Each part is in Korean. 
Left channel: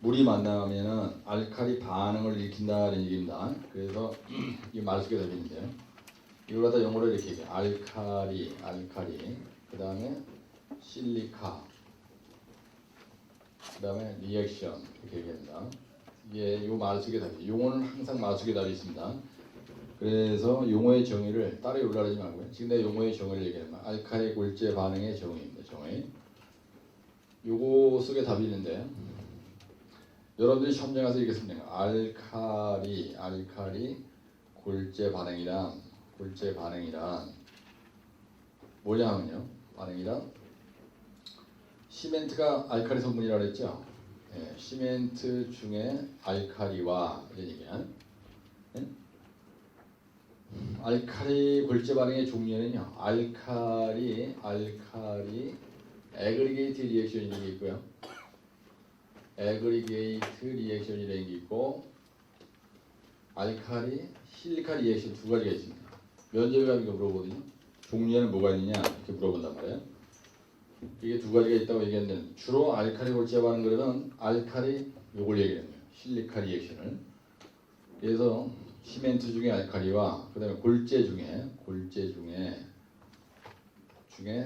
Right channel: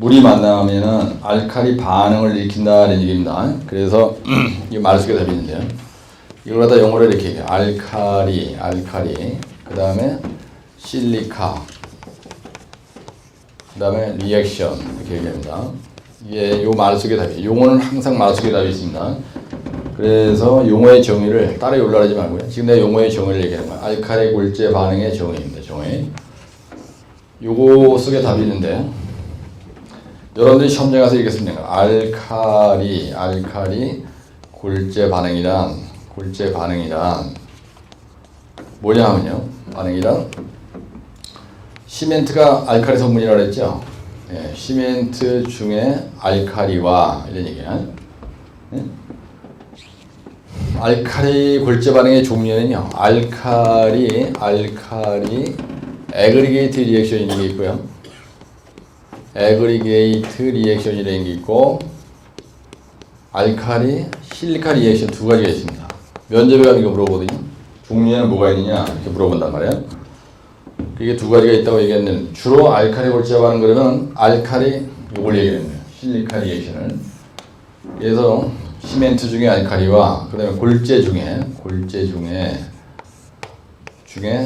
물이 만나면은 알칼리 반응을 일으킨다는 얘기입니다. 그래서 이 말 속에 답이 있는데요. 이걸 갖다 영어로 이렇게 얘기해요. 알칼리, 그 다음에 실리카, 그 다음에 리액션 이렇게 얘기합니다. 이게 요 말 속에 답이에요. 용어는 항상 말 속에 답이 있습니다. 그래서 용어의 정의를 따로 올라가지 말고요. 지금 내가 용어의 정의를 얘기하는 거예요. 알칼리 골재 반응의 정의입니다. 정의. 요거 속에 답이 있는데 여러분들이 시험장에 가서 이렇게 쓰면 돼요. 알칼리 골재 반응이란 뭐냐 하면요. 반응이란 시멘트가 알칼리 성분이라고 그랬죠. 예, 시멘트 중에 알칼리와 이런 얘기야. 예? 알칼리 골재 반응의 종류는요. 알칼리 애그리게이트 리액션이라는 게 있고요. 애그리게이트 리액션이라는 게 있고 알칼리 실리카 리액션 두 가지가 있습니다. 면접에 가면 이거 물어보거든요. 종류에는 뭐가 있느냐 이렇게 물어본단 말이에요. 그게 두 가지가 있다고 얘기했는데 주로 알칼리 골재 반응 그러면 알칼리 이걸 얘기했네요. 실리카 리액션을. 그래서 시멘트 중에 알칼리와 그다음에 골재 중에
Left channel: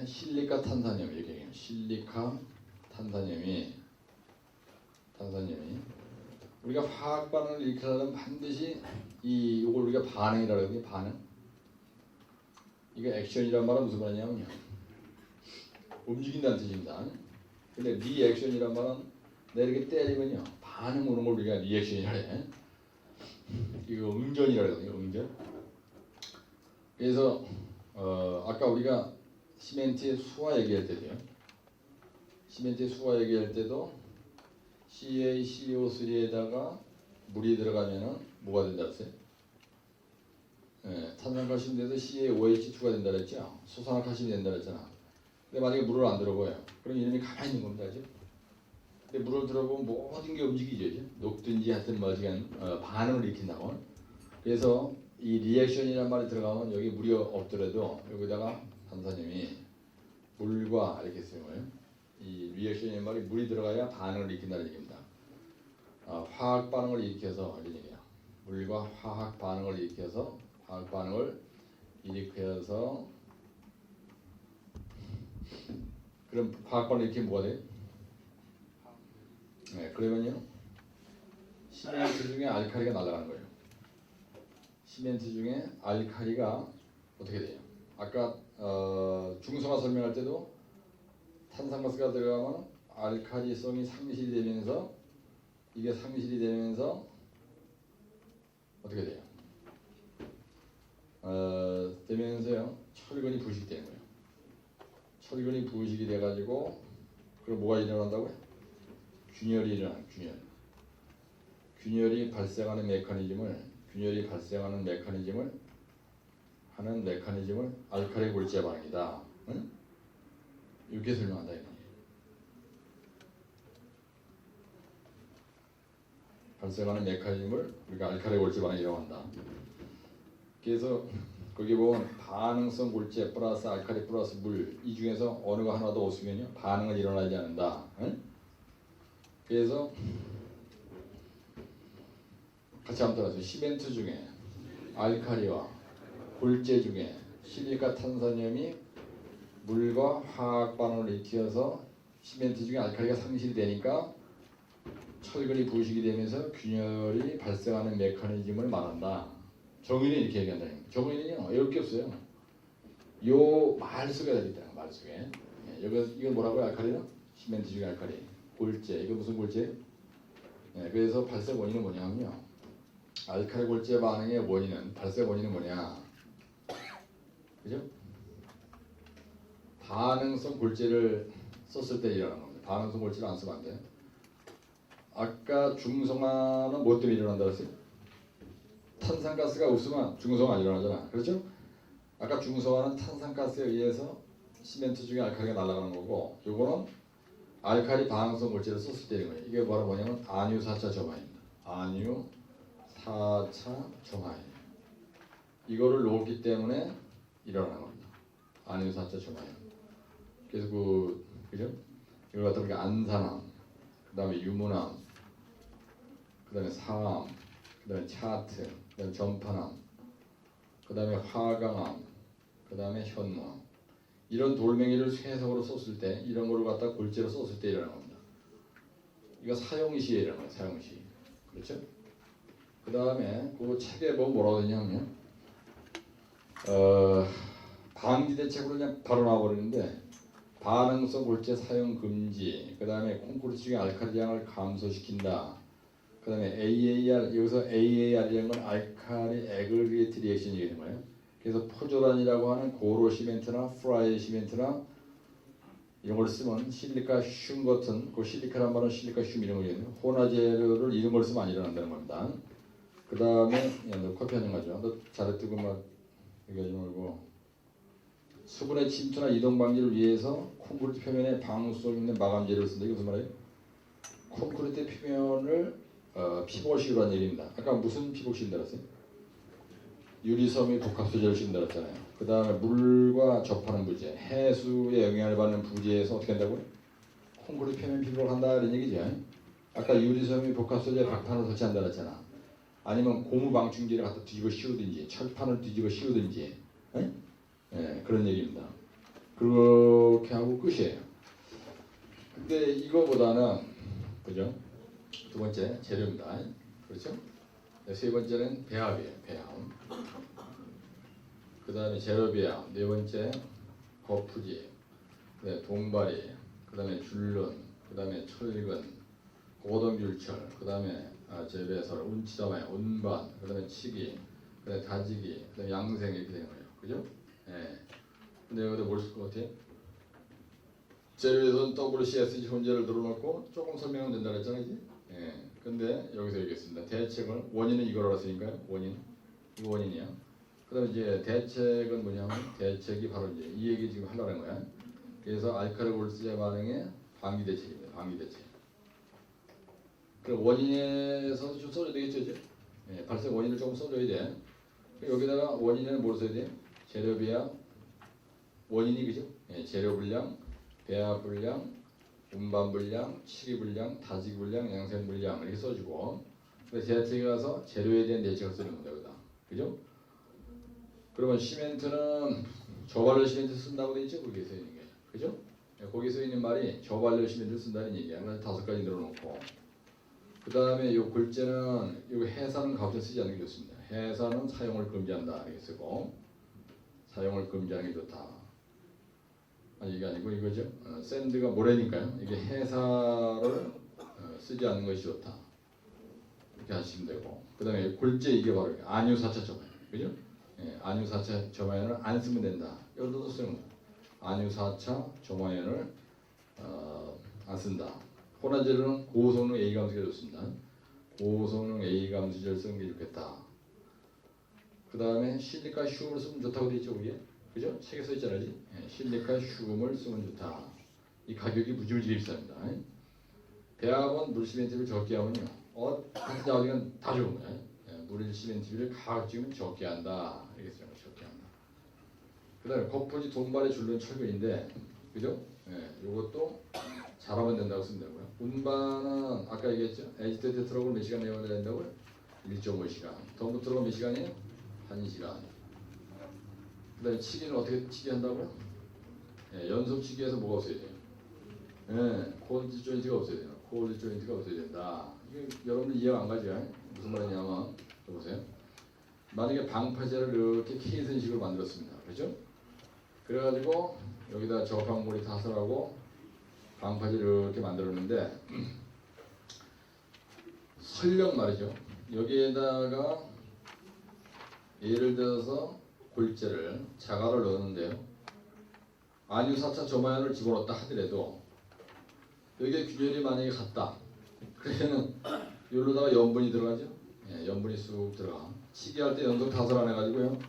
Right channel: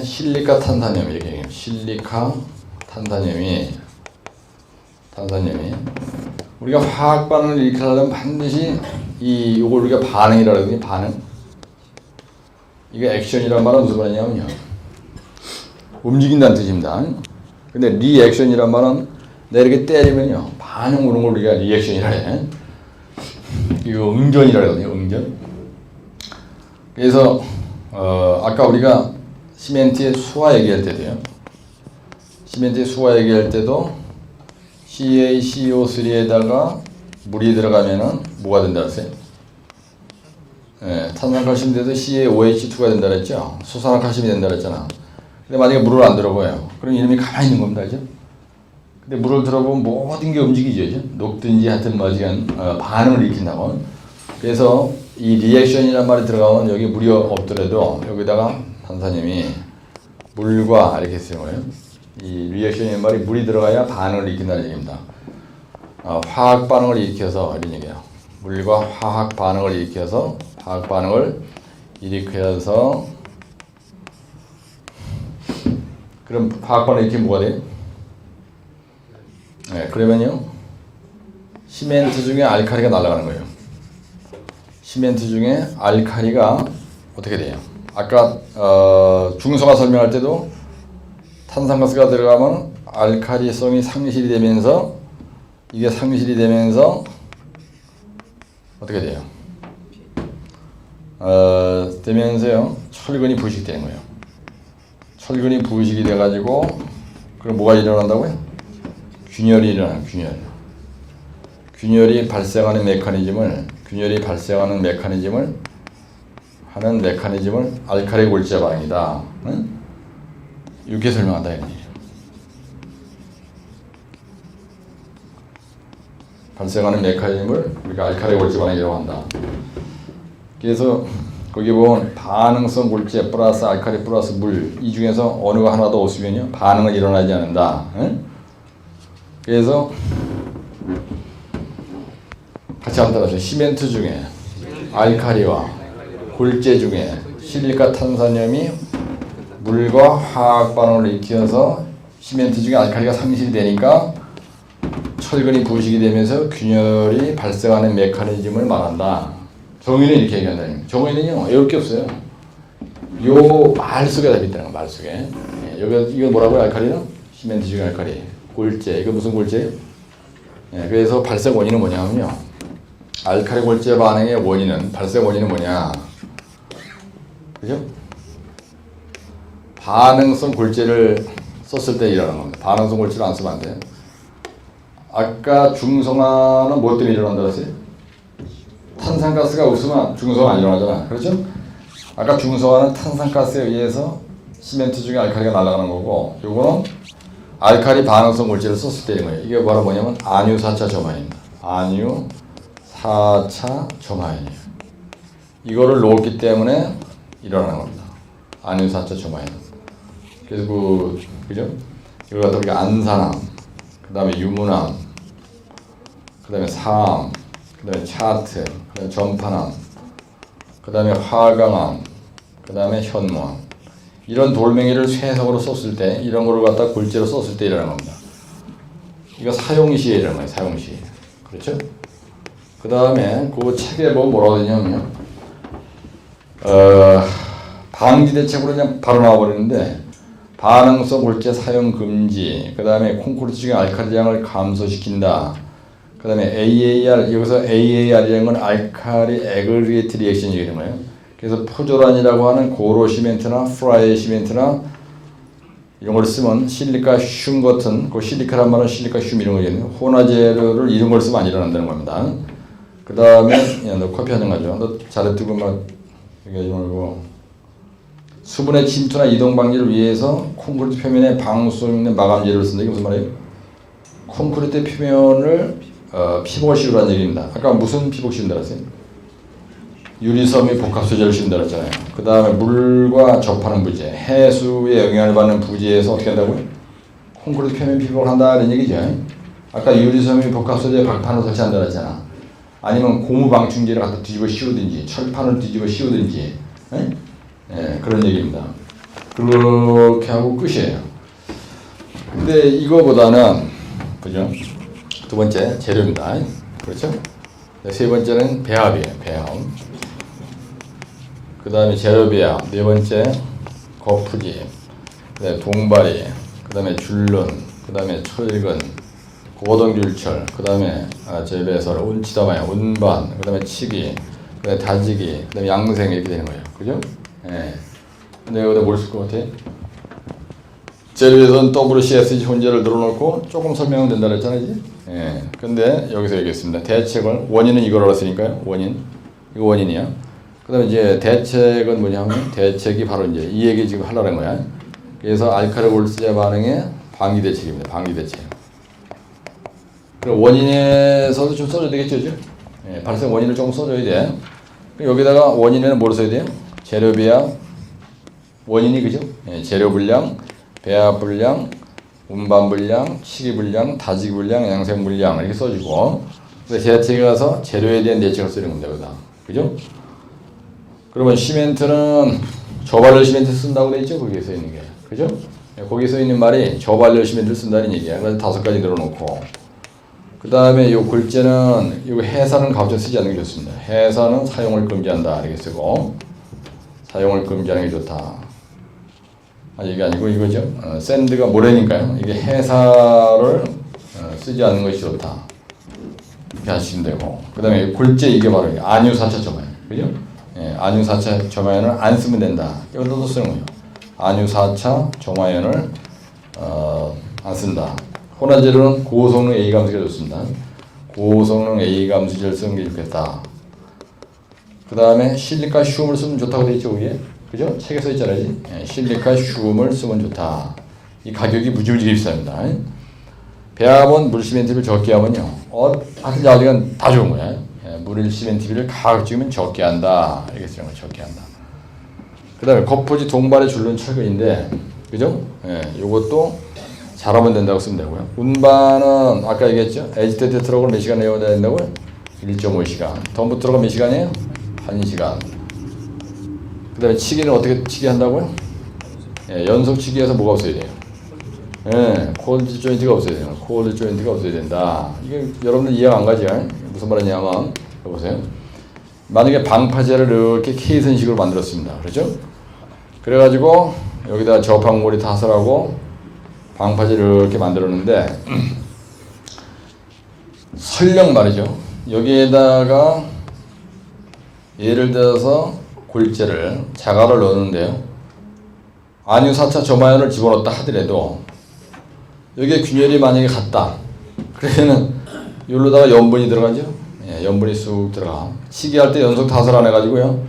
실리카 탄산염 이렇게 얘기해요. 실리카 탄산염이 우리가 화학 반응을 일으키려면 반드시 이걸 우리가 반응이라고 하거든요. 반응. 이게 액션이란 말은 무슨 말이냐면요. 움직인다는 뜻입니다. 근데 리액션이란 말은 내가 이렇게 때리면요. 반응 오는 걸 우리가 리액션이라 해. 이거 응전이라 하거든요. 응전. 그래서 아까 우리가 시멘트의 수화 얘기할 때도요. 시멘트의 수화 얘기할 때도 CaCO3에다가 물이 들어가면은 뭐가 된다 했어요? 예, 탄산칼슘인데도 CaOH2가 된다 그랬죠? 수산화칼슘이 된다 그랬잖아. 근데 만약에 물을 안 들어봐요. 그럼 이놈이 가만히 있는 겁니다. 그죠? 근데 물을 들어보면 모든 게 움직이죠. 그죠? 녹든지 하여튼 반응을 일으킨다고. 그래서 이 리액션이라는 말이 들어가면 여기 물이 없더라도 여기다가 탄산염이 물과 이렇게 쓰는 거예요. 이 리액션이라는 말이 물이 들어가야 반응을 일으킨다는 얘기입니다. 화학 반응을 일으켜서 이런 얘기예요. 물과 화학 반응을 일으켜서 그럼 화학 반응을 일으키면 뭐가 돼요? 네, 그러면요 시멘트 중에 알칼리가 날아가는 거예요. 시멘트 중에 알칼리가 어떻게 돼요? 아까 중성화 설명할 때도 탄산가스가 들어가면 알칼리성이 상실이 되면서 어떻게 돼요? 되면서요 철근이 부식되는 거예요. 철근이 부식이 돼가지고 그럼 뭐가 일어난다고요? 균열이 일어나요. 균열이 발생하는 메커니즘을 알칼리 골재 반응이다. 응? 이렇게 설명한다 이런 얘기예요. 발생하는 메커니즘을 우리가 알칼리 골재 반응이라고 한다. 그래서 거기 보면 반응성 골재 플러스 알칼리 플러스 물 이 중에서 어느가 하나도 없으면요 반응은 일어나지 않는다. 응? 그래서 같이 한번 따라하세요. 시멘트 중에 알칼리와 골재 중에 실리카 탄산염이 물과 화학 반응을 일으켜서 시멘트 중에 알칼리가 상실이 되니까 철근이 부식이 되면서 균열이 발생하는 메커니즘을 말한다. 정의는 이렇게 얘기한다. 정의는요 어려울 게 없어요. 요 말 속에 답이 있다는 거 말 속에. 예, 여기 이거 뭐라고요? 알칼리는 시멘트 중에 알칼리 골재. 이거 무슨 골재예요? 예, 그래서 발생 원인은 뭐냐면요. 알칼리 골재 반응의 발생 원인은 뭐냐? 그죠? 반응성 골재를 썼을 때 일어나는 겁니다. 반응성 골재를 안 쓰면 안 돼요. 아까 중성화는 뭐 때문에 일어난다고 했어요? 탄산가스가 없으면 중성화 안 일어나잖아. 그렇죠? 아까 중성화는 탄산가스에 의해서 시멘트 중에 알칼리가 날아가는 거고 요거는 알칼리 반응성 골재를 썼을 때인 거예요. 이게 뭐냐면 안유 4차 점화입니다. 안유 4차 점화연이에요. 이거를 놓았기 때문에 일어나는 겁니다. 안유 4차 점화연. 그래서 그죠? 이걸 갖다 우리가 안산암, 그 다음에 유문암, 그 다음에 사암, 그 다음에 차트, 그 다음에 전파암, 그 다음에 화강암, 그 다음에 현무암. 이런 돌멩이를 쇠석으로 썼을 때, 이런 거를 갖다 골재로 썼을 때 일어나는 겁니다. 이거 사용시에 일어나는 거예요. 사용시에. 그렇죠? 그 다음에 그 책에 뭐라고 되냐면 방지 대책으로 그냥 바로 나와버리는데 반응성 골재 사용 금지, 그 다음에 콘크리트 중에 알칼리량을 감소시킨다. 그 다음에 AAR, 여기서 AAR이라는 건 알칼리 애그리게이트 리액션이 되는 거예요. 그래서 포조란이라고 하는 고로 시멘트나 프라이 시멘트나 이런 걸 쓰면 실리카 슘 같은, 그 실리카란 말은 실리카 슘 이런 거잖아요. 혼화재료를 이런 걸 쓰면 안 일어난다는 겁니다. 그 다음에 야, 너 커피 한잔 가져. 너 잘해두고 막 얘기하지 말고. 수분의 침투나 이동 방지를 위해서 콘크리트 표면에 방수성 있는 마감재료를 쓴다. 이게 무슨 말이에요? 콘크리트 표면을 피복을 씌우라는 얘기입니다. 아까 무슨 피복 씌운다 그랬어요? 유리섬유 복합 소재를 씌운다 그랬잖아요. 그 다음에 물과 접하는 부재, 해수의 영향을 받는 부재에서 어떻게 한다고요? 콘크리트 표면 피복을 한다 이런 얘기죠. 아까 유리섬유 복합 소재 박판을 설치한다 그랬잖아. 아니면 고무 방충제를 갖다 뒤집어 씌우든지 철판을 뒤집어 씌우든지 그런 얘기입니다. 그렇게 하고 끝이에요. 근데 이거보다는 그죠? 두 번째 재료입니다. 그렇죠? 세 번째는 배합이에요. 배합. 그 다음에 재료 배합. 네 번째 거푸집. 그 다음에 동바리. 그 다음에 줄눈. 그 다음에 철근. 고동귤철. 그 다음에 재배설. 운치다마야. 운반. 그 다음에 치기. 그 다음에 다지기. 그 다음에 양생 이렇게 되는 거예요. 그죠? 예. 근데 여기다 뭘 쓸 것 같아? 재료에서는 WCSG 혼재를 늘어놓고 조금 설명은 된다 그랬잖아요. 예. 근데 여기서 얘기했습니다. 대책을, 원인은 이걸 알았으니까요. 원인. 이거 원인이야. 그 다음에 이제 대책은 뭐냐면, 대책이 바로 이제 이 얘기 지금 하려는 거야. 그래서 알칼리 골재 반응의 방기 대책입니다. 방기 대책. 그리고 원인에서도 좀 써줘야 되겠죠. 예. 발생 원인을 조금 써줘야 돼. 여기다가 원인에는 뭘 써야 돼요? 재료 배합, 원인이 그죠? 예. 재료 분량, 배합 분량, 운반 분량, 치기 분량, 다지기 분량, 양생 분량 이렇게 써주고, 대책에 가서 재료에 대한 대책을 쓰는 겁니다. 여기다. 그죠? 그러면 시멘트는 저발열 시멘트 쓴다고 돼 있죠? 거기에 써 있는 게. 그죠? 거기에 써 있는 말이 저발열 시멘트를 쓴다는 얘기야. 그래서 5가지 늘어놓고. 그 다음에 이 골재는, 이 해산은 가급적 쓰지 않는 게 좋습니다. 해산은 사용을 금지한다. 이렇게 쓰고, 사용을 금지하는 게 좋다. 이게 아니고 이거죠. 샌드가 모래니까요. 이게 해사를 쓰지 않는 것이 좋다. 이렇게 하시면 되고. 그 다음에 골재 이게 바로 안유4차 점화연. 그죠? 예, 안유4차 점화연을 안 쓰면 된다. 이것도 쓰는 거예요. 안유4차 점화연을 안 쓴다. 혼화재료는 고성능 A 감수기가 좋습니다. 고성능 A 감수기를 쓰는 게 좋겠다. 그 다음에 실리카 슘을 쓰면 좋다고 되어 있죠, 위에. 그죠? 책에 써 있잖아요. 예, 실리카 슘을 쓰면 좋다. 이 가격이 무지무지 비쌉니다. 배합은 물 시멘트를 적게 하면요. 하여튼 야리가 다 좋은 거야. 예, 물 시멘트비를 가급적이면 적게 한다. 이렇게 쓰는 거 적게 한다. 그 다음에 거푸지 동발의 줄눈 철근인데, 그죠? 예, 요것도 잘하면 된다고 쓰면 되고요. 운반은 아까 얘기했죠? 에지테이트 트럭을 몇 시간 내어야 된다고요? 1.5시간. 덤프 트럭은 몇 시간이에요? 1시간. 그 다음에 치기는 어떻게 치기 한다고요? 예, 연속 치기에서 뭐가 없어야 돼요? 예, 콜드 조인트가 없어야 돼요. 콜드 조인트가 없어야 된다. 이게 여러분들 이해가 안 가죠? 무슨 말이냐면, 여보세요. 만약에 방파제를 이렇게 케이슨식으로 만들었습니다. 그렇죠? 그래가지고 여기다 저방골이 타설하고 방파제를 이렇게 만들었는데 설령 말이죠. 여기에다가 예를 들어서 골재를 자갈을 넣었는데요. 안유4차 점화연을 집어넣었다 하더라도 여기에 균열이 만약에 같다. 그러면은 여기로다가 염분이 들어가죠. 예, 염분이 쑥 들어가. 치기할 때 연속 타설 안 해가지고요.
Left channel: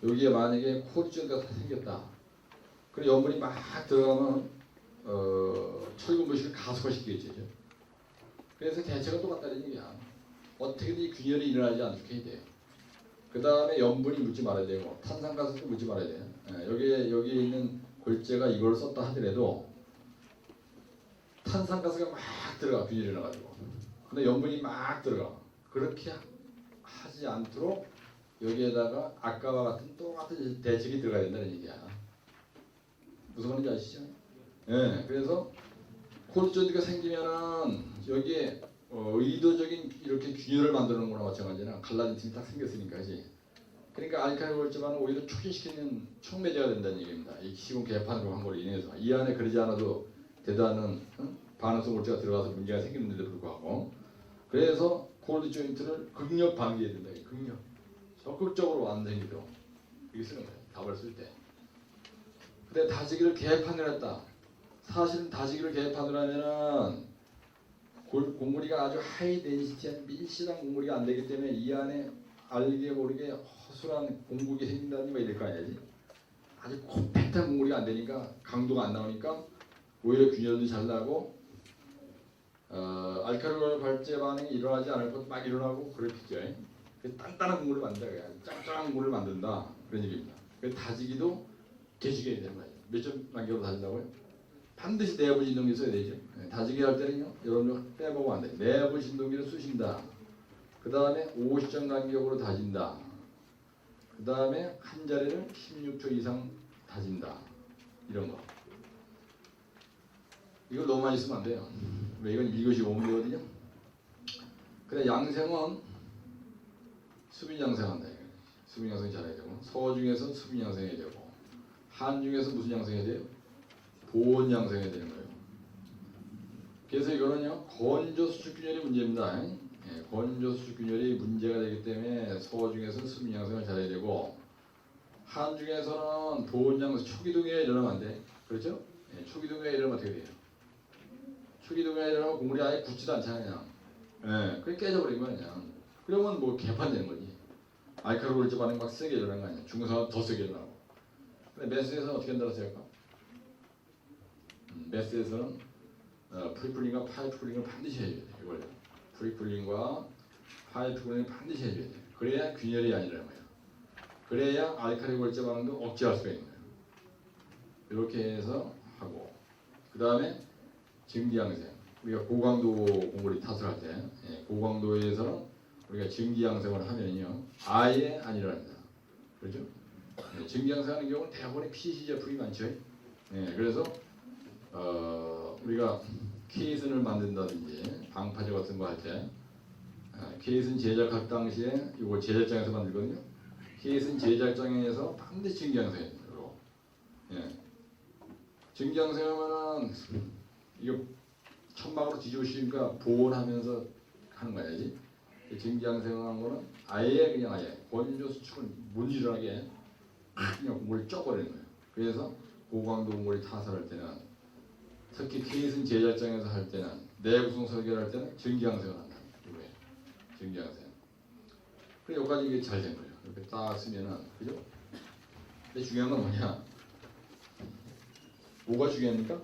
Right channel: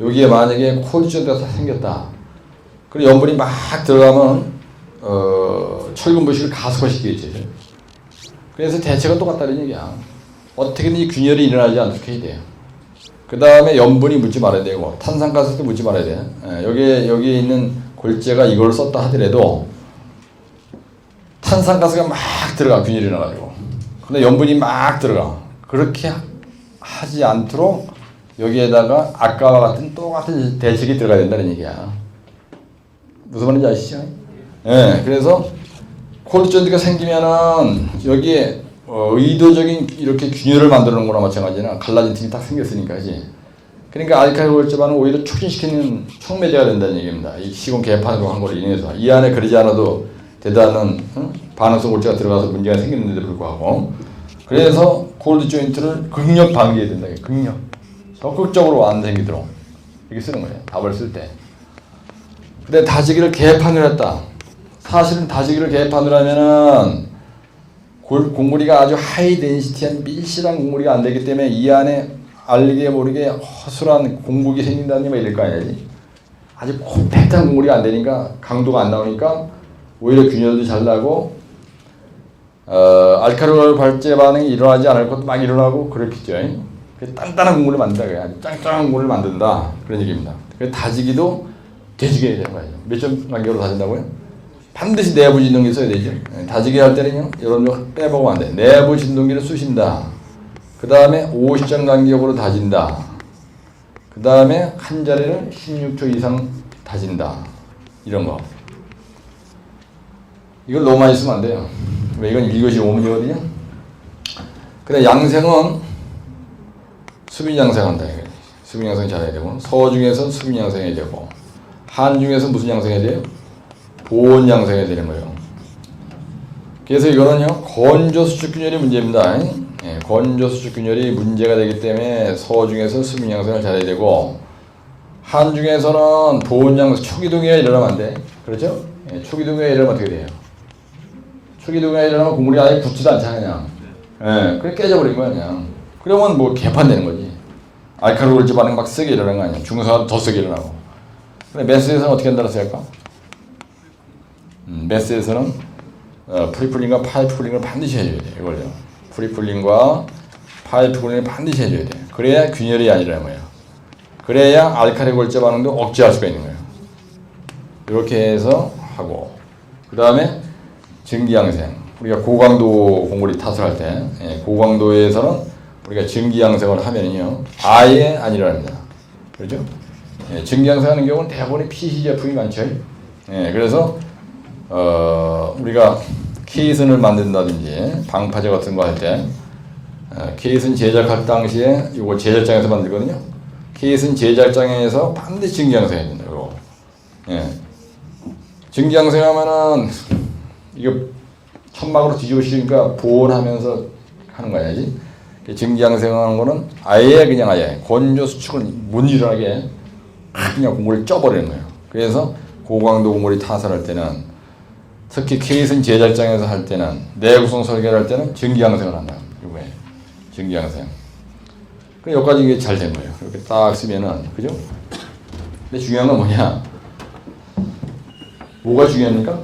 여기에 만약에 콜드존드가 생겼다. 그리고 염분이 막 들어가면 철근 부식을 가속화시키겠죠. 그래서 대책은 똑같다는 얘기야. 어떻게든 이 균열이 일어나지 않게 해야 돼요. 그 다음에 염분이 묻지 말아야 되고 탄산가스도 묻지 말아야 돼. 여기에 있는 골재가 이걸 썼다 하더라도 탄산가스가 막 들어가 균열이 나가지고 근데 염분이 막 들어가. 그렇게 하지 않도록 여기에다가 아까와 같은 똑같은 대책이 들어가야 된다는 얘기야. 무슨 말인지 아시죠? 예, 그래서 콜드 존드가 생기면은 여기에 의도적인 이렇게 균열을 만들어 놓은 거나 마찬가지나 갈라진 틈이 딱 생겼으니까, 그지? 그러니까 알칼리 골제반은 오히려 촉진시키는 촉매제가 된다는 얘기입니다. 이 시공 개판으로 한 걸로 인해서 이 안에 그러지 않아도 대단한 반응성 골제가 들어가서 문제가 생기는데도 불구하고, 그래서 콜드 조인트를 극력 방지해야 된다. 극력. 적극적으로 안 생기도록 이렇게 쓰는 거예요. 답을 쓸 때. 근데 다지기를 개판을 했다. 사실은 다지기를 개판을 하면은 공구리가 아주 하이 덴시티한 밀실한 공구리가 안 되기 때문에 이 안에 알게 모르게 허술한 공국이 생긴다는 말 이럴 거 아니지. 아주 콤팩트한 공구리가 안 되니까 강도가 안 나오니까 오히려 균열도 잘 나고 알칼리 발제 반응이 일어나지 않을 것도 막 일어나고 그렇겠죠. 단단한 공구리를 만든다. 아주 짱짱한 공구리를 만든다. 그런 얘기입니다. 그래서 다지기도 되지게 해야 되는 거예요. 몇 점 간격으로 다진다고요? 반드시 내부 진동기 써야 되죠. 다지기 할 때는요, 여러분 빼먹으면 안 돼. 내부 진동기를 쑤신다. 그 다음에 50점 간격으로 다진다. 그 다음에 한 자리를 16초 이상 다진다. 이런 거. 이걸 너무 많이 쓰면 안 돼요. 왜 이건 1교시 5문제거든요. 근데 양생은 수빈 양생한다. 수빈 양생 잘해야 되고, 서 중에서 수빈 양생해야 되고, 한 중에서 무슨 양생해야 돼요? 보온 양생해야 되는 거예요. 그래서 이거는요, 건조 수축균열이 문제입니다. 예, 건조 수축균열이 문제가 되기 때문에 서 중에서 수빈 양생을 잘해야 되고, 한 중에서는 보온 양생, 초기 동요가 일어나면 안 돼. 그렇죠? 예, 초기 동요가 일어나면 어떻게 돼요? 초기 동요가 일어나면 국물이 아예 굳지도 않잖아요. 그냥. 예, 그래 깨져버린 거야, 그냥. 그러면 뭐 개판되는 거지. 알칼리 골제 반응 막 세게 일어나는 거 아니야. 중성화도 더 세게 일어나고. 근데 메스에서는 어떻게 한다고 할까? 메스에서는 프리풀링과 파이프풀링을 반드시 해줘야 돼. 이걸요. 프리풀링과 파이프풀링을 반드시 해줘야 돼. 그래야 균열이 아니라는 거예요. 그래야 알칼리 골제 반응도 억제할 수가 있는 거예요. 이렇게 해서 하고, 그 다음에 증기양생. 우리가 고강도 공구리 탓을 할 때, 고강도에서는 우리가 증기양생을 하면요, 아예 안 일어납니다. 그렇죠? 증기양생하는 경우는 대부분이 PC 제품이 많죠. 그래서 우리가 케이슨을 만든다든지 방파제 같은 거 할 때, 케이슨 제작할 당시에 이거 제작장에서 만들거든요. 케이슨 제작장에서 반드시 증기양생해야 된다. 이거. 증기양생하면은 이거 천막으로 뒤집으시니까 보온하면서 하는 거 아니지? 증기양생하는 거는 아예 그냥 아예 건조 수축을 못 일어나게 그냥 공구리를 쪄버리는 거예요. 그래서 고강도 공구리 타설할 때는, 특히 케이슨 제작장에서 할 때는, 내구성 설계를 할 때는 증기양생을 한다. 이거에 증기양생. 그 여기까지 이게 잘 된 거예요. 이렇게 딱 쓰면은, 그죠? 근데 중요한 건 뭐냐? 뭐가 중요합니까?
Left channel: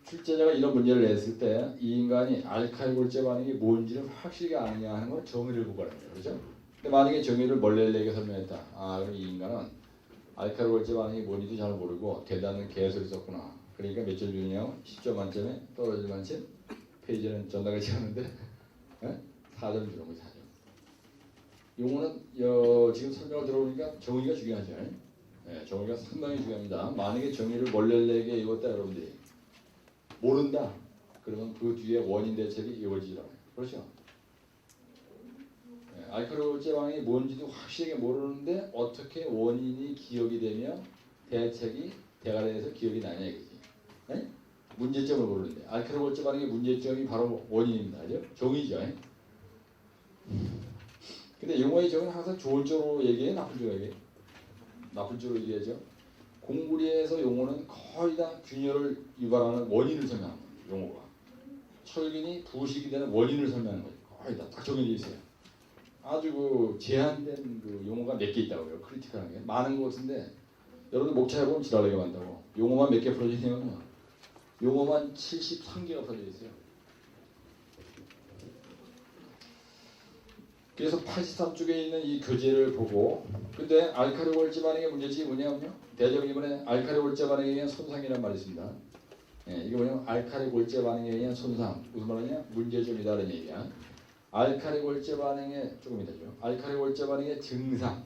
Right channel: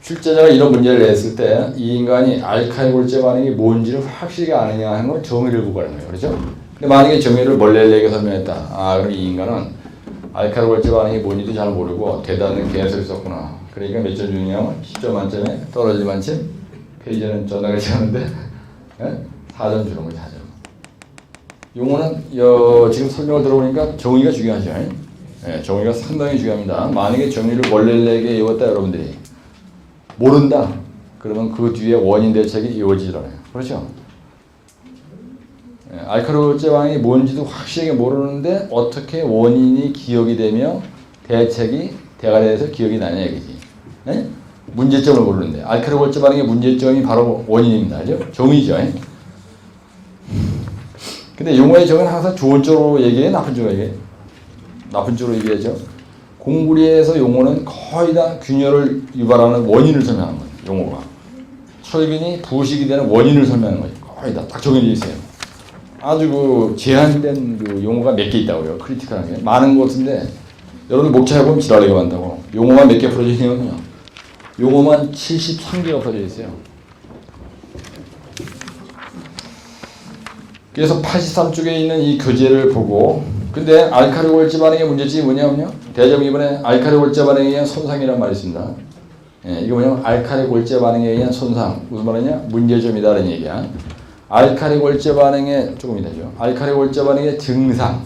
출제자가 이런 문제를 냈을 때 이 인간이 알칼리 골제 반응이 뭔지를 확실히 아느냐 하는 건 정의를 구하는 거예요. 그렇죠? 근데 만약에 정의를 멀리하게 설명했다. 아, 그럼 이 인간은 알칼리 골제 반응이 뭔지도 잘 모르고 대단한 개소리 썼구나. 그러니까 몇 점 주냐면 10점 만점에 떨어질 만큼 페이지는 전화가 지었는데 4점 주는 거죠. 4점. 용어는 지금 설명을 들어보니까 정의가 중요하죠. 정의가 상당히 중요합니다. 만약에 정의를 멀리하게 외웠다 여러분들이 모른다. 그러면 그 뒤에 원인 대책이 이어지질 않아요. 그렇죠? 알칼리 골제 반응이 뭔지도 확실하게 모르는데 어떻게 원인이 기억이 되며 대책이 대가리에서 기억이 나냐 얘기지. 네? 문제점을 모르는데 알칼리 골제 반응의 문제점이 바로 원인입니다. 알죠? 정의죠. 근데 용어의 정의는 항상 좋은 쪽으로 얘기해, 나쁜 쪽으로 얘기해? 나쁜 쪽으로 얘기하죠. 공구리에서 용어는 거의 다 균열을 유발하는 원인을 설명하는 거예요. 용어가. 철근이 부식이 되는 원인을 설명하는 거예요. 거의 다 딱 정해져 있어요. 아주 그 제한된 그 용어가 몇 개 있다고요. 크리티컬한 게. 많은 것 같은데 여러분 목차해보면 지랄리가 많다고. 용어만 몇 개 풀어져 있냐면요. 용어만 73개가 풀어져 있어요. 그래서 83쪽에 있는 이 교재를 보고, 근데 알칼리 골제 반응의 문제점이 뭐냐면요. 대점 이번에 알칼리 골제 반응에 의한 손상이라는 말이 있습니다. 이거 뭐냐면 알칼리 골재 반응에 의한 손상, 무슨 말이냐? 문제점이다라는 얘기야. 알칼리 골재 반응의 조금 이따죠. 알칼리 골재 반응의 증상,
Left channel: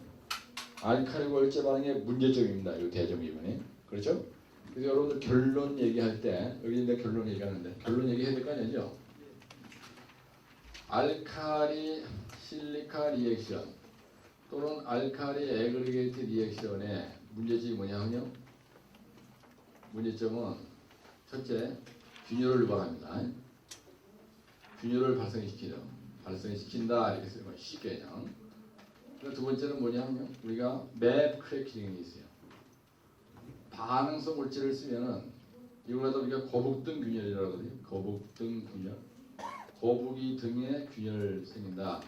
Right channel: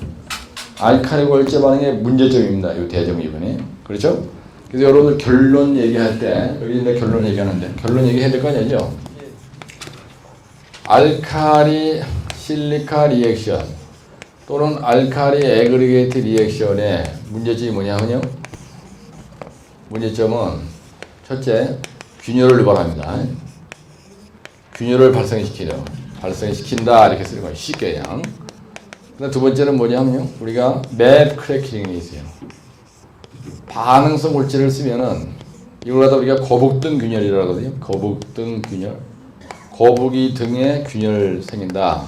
알칼리 골재 반응의 문제점입니다. 이 대정 2번이. 그렇죠? 그래서 여러분들 결론 얘기할 때 여기 있는 결론 얘기하는데 결론 얘기해야 될 거 아니죠? 알칼리 실리카 리액션 또는 알칼리 애그리게이트 리액션의 문제점이 뭐냐면요. 문제점은 첫째, 균열을 유발합니다. 균열을 발생시킨다 이렇게 쓰는 거예요. 쉽게 그냥. 근데 두 번째는 뭐냐면요. 우리가 맵 크래킹이 있어요. 반응성 골재를 쓰면은 이걸 갖다 우리가 거북등 균열이라고 하거든요. 거북등 균열. 거북이 등에 균열 생긴다.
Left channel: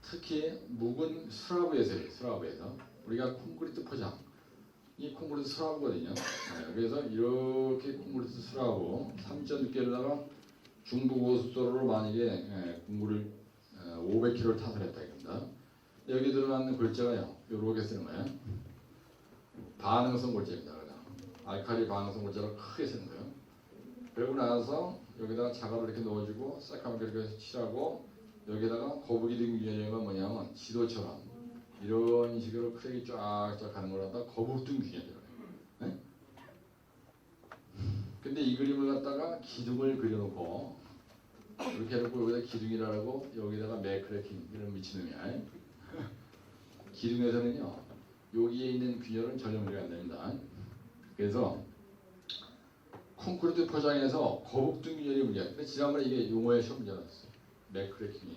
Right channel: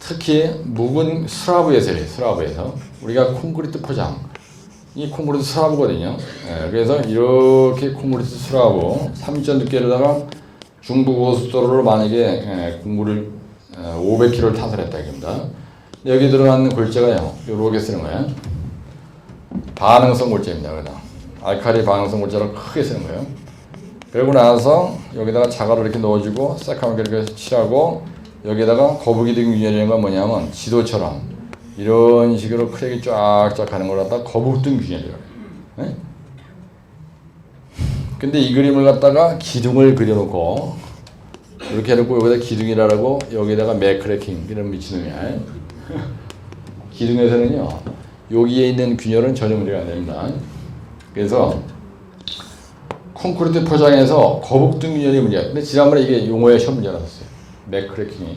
특히 묵은 스라브에서 해요. 스라브에서. 우리가 콘크리트 포장. 이 콘크리트 스라브거든요. 그래서 이렇게 콘크리트 스라브 3.6개로다가 중부고속도로를 만약에 공구를 500km를 타설했다 이겁니다. 여기 들어가는 골재가요. 이렇게 쓰는 거예요. 반응성 골재입니다. 그래서 알칼리 반응성 골재를 크게 쓰는 거예요. 그러고 나서 여기다가 자갈을 이렇게 넣어주고 새까맣게 이렇게 칠하고 여기다가 거북이 등 균열이라는 건 뭐냐면 지도처럼 이런 식으로 크랙이 쫙쫙 가는 걸 갖다가 거북등 균열이라고 해요. 근데 이 그림을 갖다가 기둥을 그려놓고 이렇게 해놓고 여기다 기둥이라고 여기다가 맥크래킹 이런 미친놈이야. 기둥에서는요 여기에 있는 균열은 전혀 문제가 안 됩니다. 그래서 콘크리트 포장에서 거북등 균열이 문제야. 근데 지난번에 이게 용어에 시험 문제 나왔어요. 맥크래킹이.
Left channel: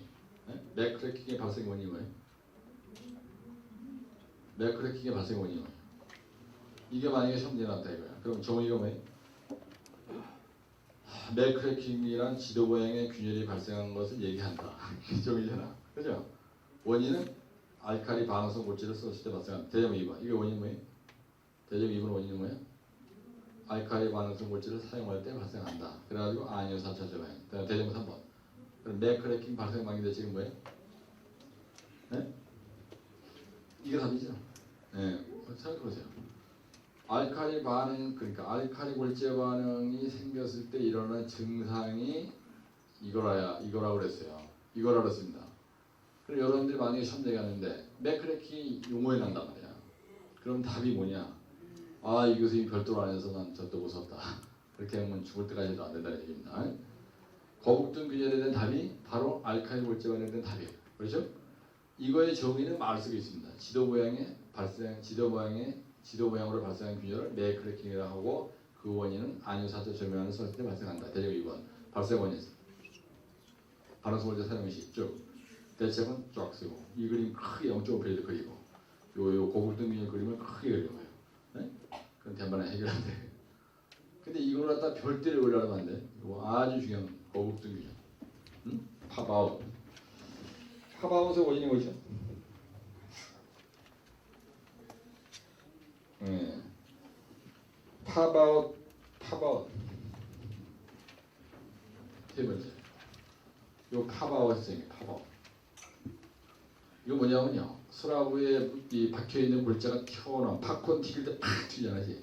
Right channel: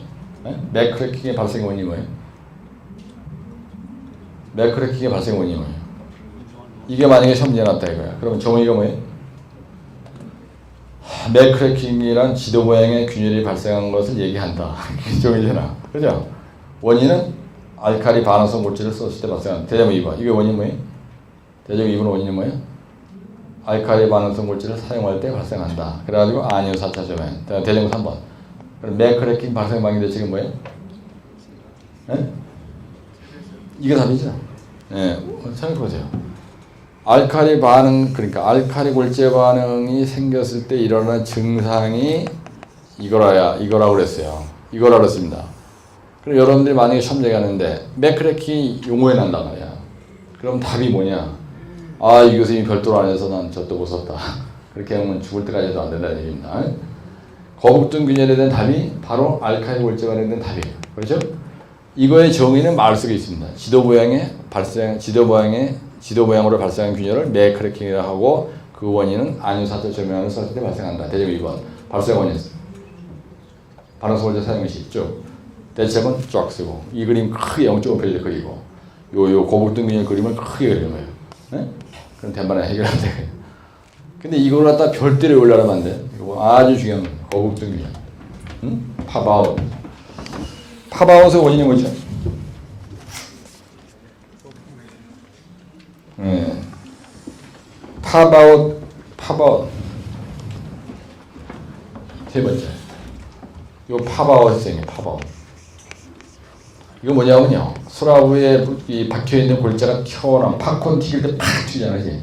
맥크래킹의 발생 원인이 뭐예요? 맥크래킹의 발생 원인이 뭐예요? 이게 만약에 시험 문제 났다 이거야. 그러면 정의가 뭐예요? 맥크래킹이란 지도 모양의 균열이 발생한 것을 얘기한다. 정의잖아. 그죠? 원인은 알칼리 반응성 골재를 썼을 때 발생한 대자문 2번. 이게 원인 뭐예요? 대자문 2번 원인이 뭐예요? 알칼리 반응성 골재를 사용할 때 발생한다. 그래가지고 아니요 4차 점에 대자문 3번. 그럼 맥크래킹 발생 방해 대책은 뭐예요? 이게 답이죠. 생각해보세요. 알칼리 반응, 그러니까 알칼리 골재 반응이 생겼을 때 일어나는 증상이 이거라고 그랬어요. 이거라고 그랬습니다. 그럼 여러분들이 만약에 시험 얘기하는데 맥크래킹이 용어에 난단 말이야. 그럼 답이 뭐냐? 아, 이 교수님이 별도로 안 해서 난 저도 못 썼다. 그렇게 하면 죽을 때까지 해도 안 된다는 얘기입니다. 거북등 균열에 대한 답이 바로 알칼리 골재 반응에 대한 답이에요. 그렇죠? 이거의 정의는 말 속에 있습니다. 지도 모양으로 발생한 균열을 맥크래킹이라고 하고 그 원인은 안유사자 조명을 썼을 때 발생한다. 대제문 2번. 발생 원인. 반응성 골재 사용 시 있죠. 대책은 쫙 쓰고 이 그림 크게 0.5페이지 그리고 요 거북등 균열 그림을 크게 그리는 거예요. 네? 그럼 대만에 해결하면 돼요. 근데 이걸 갖다 별대로 올라가면 안 돼. 이거 아주 중요한 거예요. 거북등 균열. 응? 팝아웃. 팝아웃의 원인이 뭐죠? 팝아웃. 세 번째. 요 팝아웃이 생겨요. 팝아웃. 이거 뭐냐면요. 수라브에 이 박혀있는 골재가 튀어나와. 팝콘 튀길 때 팍 튀잖아요.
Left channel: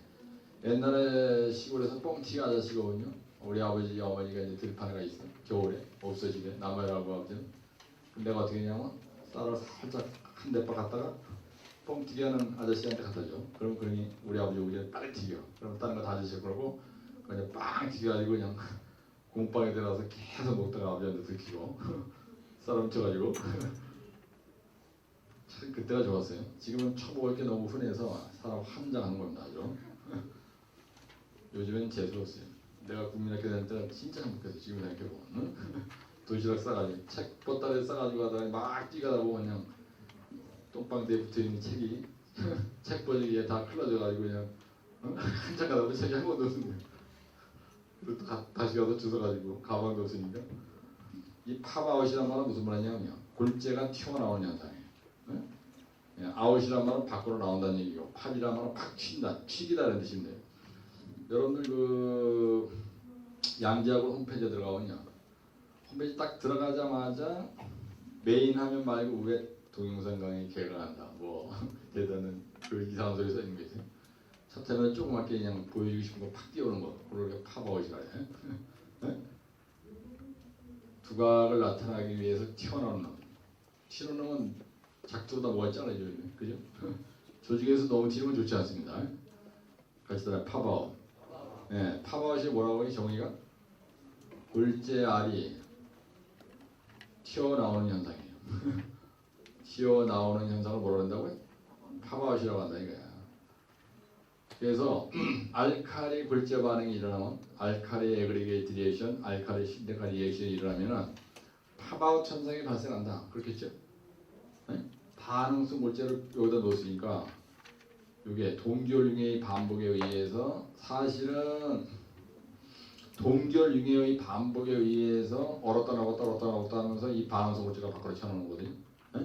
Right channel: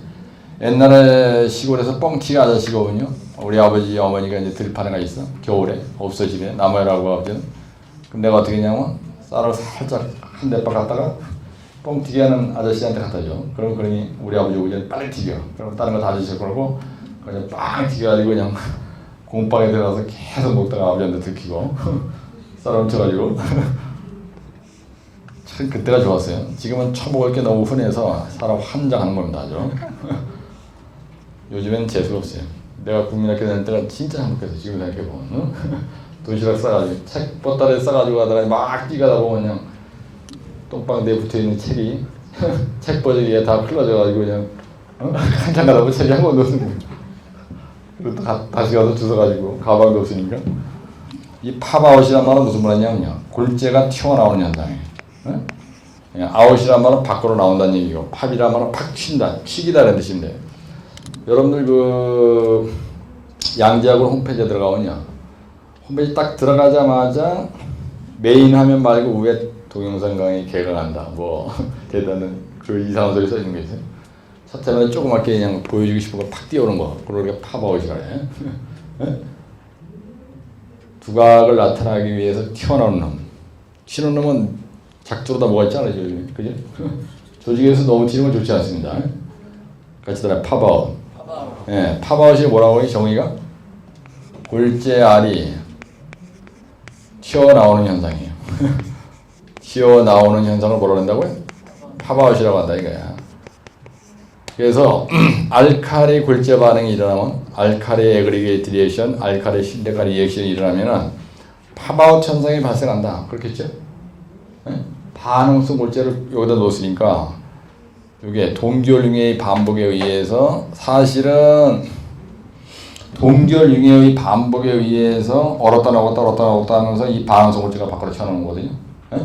옛날에 시골에서 뻥튀기 아저씨거든요. 우리 아버지 어머니가 이제 들판에가 있어. 겨울에 없어 집에 나무라고 아버지는. 그럼 내가 어떻게 했냐면 쌀을 살짝 한 대박 갖다가 뻥튀기 하는 아저씨한테 갖다 줘. 그러니 우리 아버지 오기 전에 빨리 튀겨. 그럼 다른 거 다 드시고 그러고 그냥 빵 튀겨가지고 그냥 공방에 들어가서 계속 먹다가 아버지한테 들키고 쌀 훔쳐가지고 참 그때가 좋았어요. 지금은 처먹을 게 너무 흔해서 사람 환장하는 겁니다. 아주. 요즘엔 재수가 없어요. 내가 국민학교 다닐 때가 진짜 행복했어요. 지금 생각해보면. 도시락 싸가지고 책 보따리에 싸가지고 가다가 막 뛰가다 보면 그냥 똥방 내에 붙어있는 책이 책 버리기에 다 흘러져가지고 그냥 한참 가다 보면 책이 한 권도 없는 그리고 다시 가서 주워가지고 가방도 없으니까. 이 팝아웃이란 말은 무슨 말이냐면요. 골재가 튀어나오는 현상이에요. 아웃이란 말은 밖으로 나온다는 얘기고 팝이란 말은 팍 튄다, 튀기다라는 뜻인데 여러분들 그 양재학원 홈페이지에 들어가면요. 홈페이지 딱 들어가자마자 메인 화면 말고 위에 동영상 강의 개강한다. 뭐 대단한 그 이상한 소리 써있는 게 있어요. 사태를 조그맣게 그냥 보여주고 싶은 거 팍 띄우는 거. 그걸 우리가 팝아웃이라 해. 두각을 나타나기 위해서 튀어나오는 놈. 튀는 놈은 작두로다 뭐가 있잖아요. 그죠? 조직에서 너무 튀는 건 좋지 않습니다. 같이 따라 팝아웃. 예, 팝아웃이 뭐라고 해? 정의가? 골재알이 튀어나오는 현상이에요. 튀어나오는 현상을 뭐라고 한다고요? 팝아웃이라고 한다 이거야. 그래서 알칼리 골재 반응이 일어나면 알칼리 애그리게이트 리액션, 알칼리 실리카 리액션이 일어나면은 팝아웃 현상이 발생한다. 그렇겠죠? 네? 반응성 골재를 여기다 놓았으니까 이게 동결융의 반복에 의해서 사실은 동결융의 반복에 의해서 얼었다 녹았다 하면서 이 반응성 골재가 밖으로 튀어나오는 거거든요. 네?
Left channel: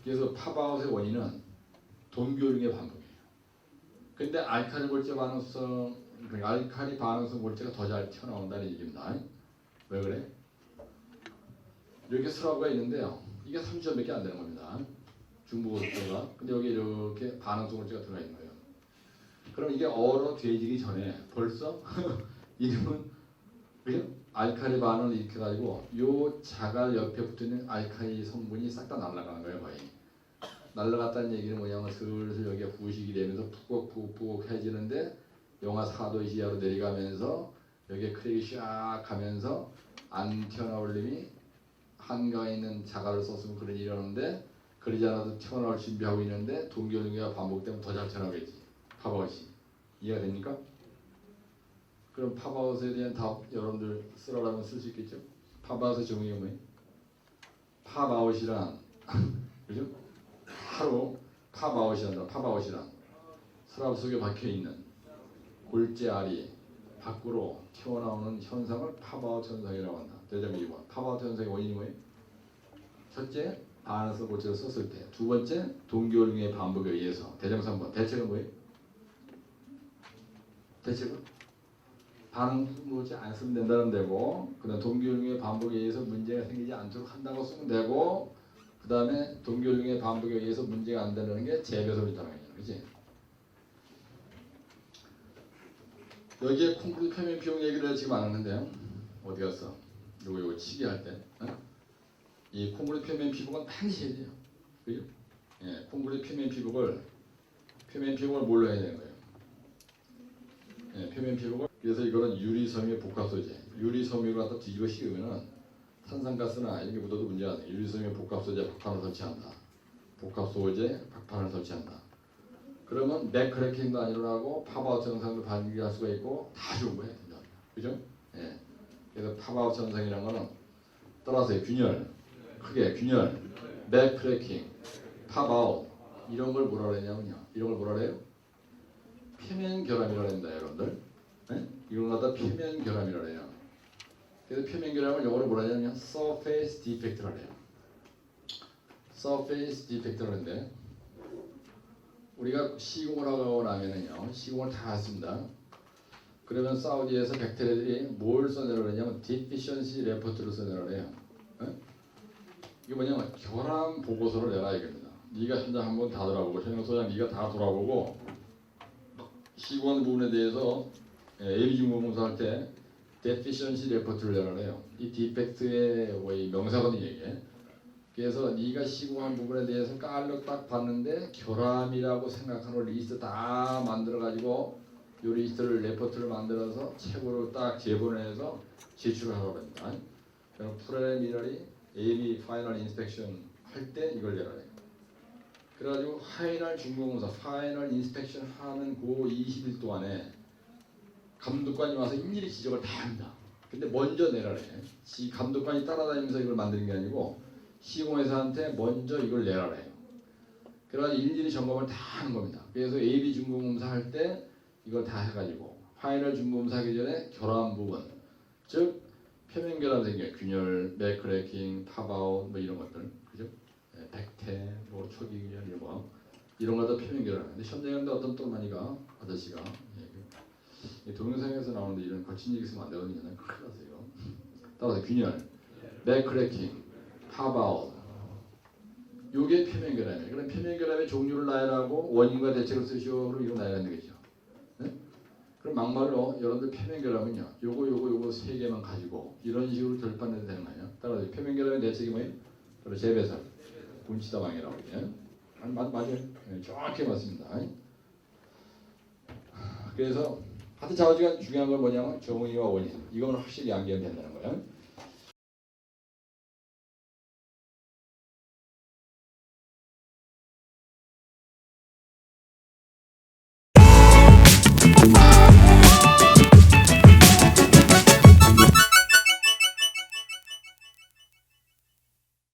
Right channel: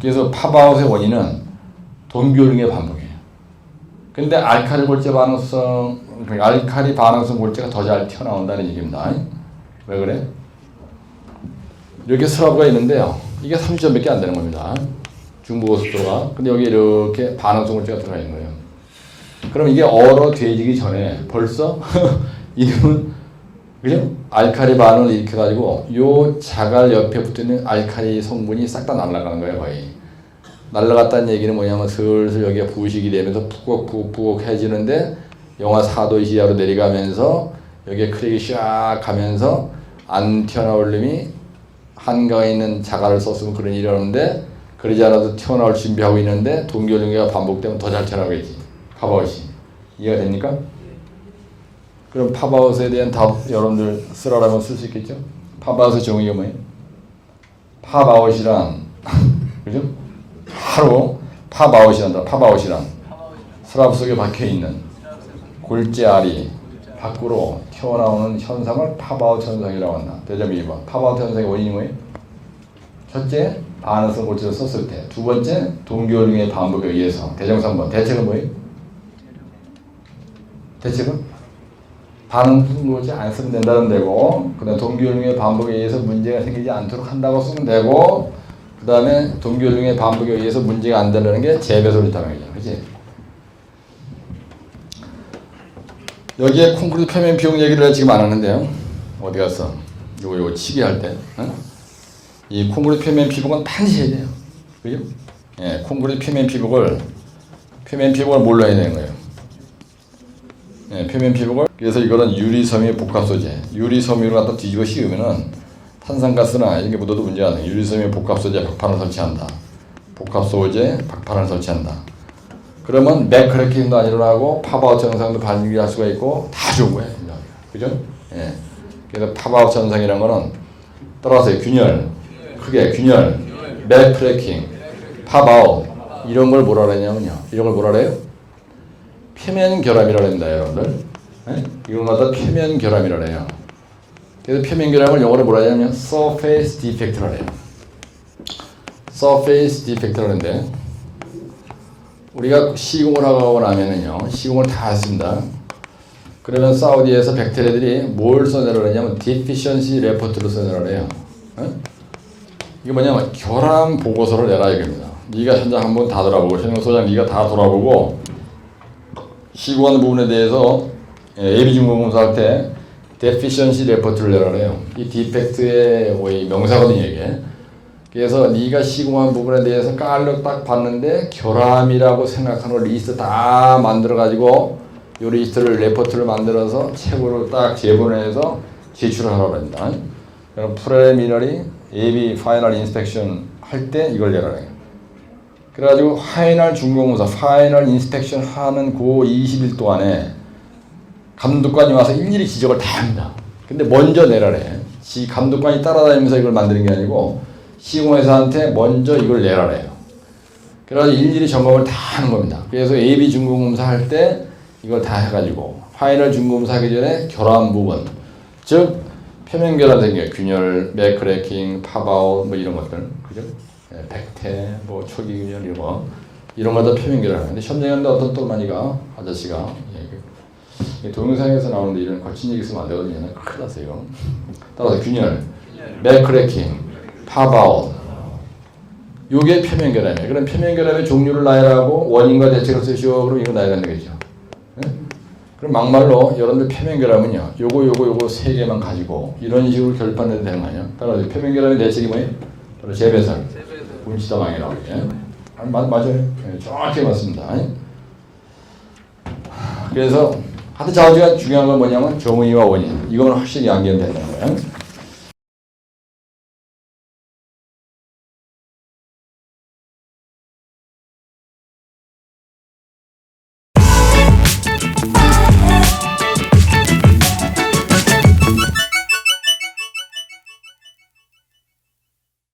그래서 팝아웃의 원인은 동결융의 반복이에요. 근데 알칼리 골재 반응성, 알칼리 반응성 골재가 더 잘 튀어나온다는 얘기입니다. 왜 그래? 이렇게 스라브가 있는데요. 이게 30점밖에 안 되는 겁니다. 중부고속도로가. 근데 여기 이렇게 반응성 골재가 들어가 있는 거예요. 그럼 이게 얼어돼지기 전에 벌써 이름은 그죠? 알칼리 반응을 일으켜가지고 요 자갈 옆에 붙어있는 알칼리 성분이 싹 다 날아가는 거예요, 거의. 날아갔다는 얘기는 뭐냐면 슬슬 여기가 부식이 되면서 푹푹푹푹해지는데 영하 4도 이하로 내려가면서 여기에 크랙이 샥 가면서 안 튀어나올 놈이 한강에 있는 자갈을 썼으면 그런 일이 오는데 그러지 않아도 튀어나올 준비하고 있는데 동결융계가 반복되면 더 잘 튀어나오겠지. 팝아웃이. 이해가 됩니까? 그럼 팝아웃에 대한 답 여러분들 쓰라라면 쓸 수 있겠죠? 팝아웃의 정의가 뭐예요? 팝아웃이란 그죠? 바로 팝아웃이란다. 팝아웃이란 스라브 속에 박혀있는 골재알이 밖으로 튀어나오는 현상을 팝아웃 현상이라고 한다. 대점 2번. 팝아웃 현상의 원인이 뭐예요? 첫째, 반응성 골재를 썼을 때. 두 번째, 동결융의 반복에 의해서. 대정 3번. 대책은 뭐예요? 대책은? 반응성 골재 안 쓰면 된다는 데고, 그 다음에 동결융의 반복에 의해서 문제가 생기지 않도록 한다고 쓰면 되고, 그 다음에 동결융의 반복에 의해서 문제가 안 되는 게 재배솔 리타명이죠. 그치? 여기에 콘크리트 표면 비용 얘기를 지금 안 하는데요. 어디 갔어? 요거 치기 할 때. 이 콘크리트 표면 피복은 반드시 해야 돼요. 그죠? 예, 콘크리트 표면 피복을 뭘로 해야 되는 거예요? 예, 표면 피복을. 그래서 이거는 유리섬유 복합 소재. 유리섬유를 갖다 뒤집어 씌우면은 탄산가스나 이런 게 묻어도 문제가 안 돼. 유리섬유 복합 소재 박판을 설치한다. 복합 소재 박판을 설치한다. 그러면 맥크래킹도 안 일어나고 팝아웃 현상도 발생할 수가 있고 다 좋은 거예요. 그죠? 예. 그래서 팝아웃 현상이라는 거는 따라서 균열, 크게 균열, 맥크래킹, 팝아웃 이런 걸 뭐라 그러냐면요. 이런 걸 뭐라 그래요? 표면 결함이라고 합니다, 여러분들. 예? 이건 갖다 표면 결함이라고 해요. 그래서 표면 결함을 영어로 뭐라 하냐면 surface defect라고 해요. surface defect라고 하는데 우리가 시공을 하고 나면은요, 시공을 다 했습니다. 그러면 사우디에서 백태리들이 뭘 써내라고 하냐면 deficiency report를 써내라고 해요. 이게 뭐냐면 결함 보고서를 내라 이겁니다. 네가 현장 한번 다 돌아보고 현장소장 네가 다 돌아보고 시공하는 부분에 대해서 예비중공검사할 때 deficiency report를 내라고 해요. 이 디펙트의 명사거든요, 이게. 그래서 네가 시공한 부분에 대해서 깔로 딱 봤는데 결함이라고 생각하는 리스트 다 만들어가지고 이 리스트를 레포트를 만들어서 책으로 딱 제본해서 제출을 하라고 합니다. 그럼 프레미너리 예비 파이널 인스펙션 할 때 이걸 내라 해요. 그래가지고 파이널 중공검사 파이널 인스펙션 하는 그 20일 동안에 감독관이 와서 일일이 지적을 다 합니다. 근데 먼저 내라래. 감독관이 따라다니면서 이걸 만드는 게 아니고 시공회사한테 먼저 이걸 내라래요. 그래서 일일이 점검을 다 하는 겁니다. 그래서 AB 중공검사 할 때 이걸 다 해가지고 파이널 중공검사 하기 전에 결함 부분, 즉 표면 결함 생겨요. 균열, 맥크래킹, 팝아웃 뭐 이런 것들, 그죠? 백태, 뭐 초기 균열 이런 거 다 표면 결함. 근데 현장인데 어떤 또만이가 아저씨가 동영상에서 나오는데 이런 거친 얘기 쓰면 안 되거든요. 큰일 났어요. 따라서 균열, 맥크래킹, 팝아웃 요게 표면결함이에요. 그럼 표면결함의 종류를 나열하고 원인과 대책을 쓰시오. 그럼 이거 나열하면 되겠죠. 네? 그럼 막말로 여러분들 표면결함은요. 요거 세 개만 가지고 이런 식으로 결판내도 되는 거 아니에요? 따라서 표면결함의 대책이 뭐예요? 바로 재배설, 분치다방이라고. 예? 맞아요. 네, 정확히 맞습니다. 그래서 하여튼 자우지간 중요한 건 뭐냐면 정의와 원인. 이건 확실히 암기하면 되는 거예요.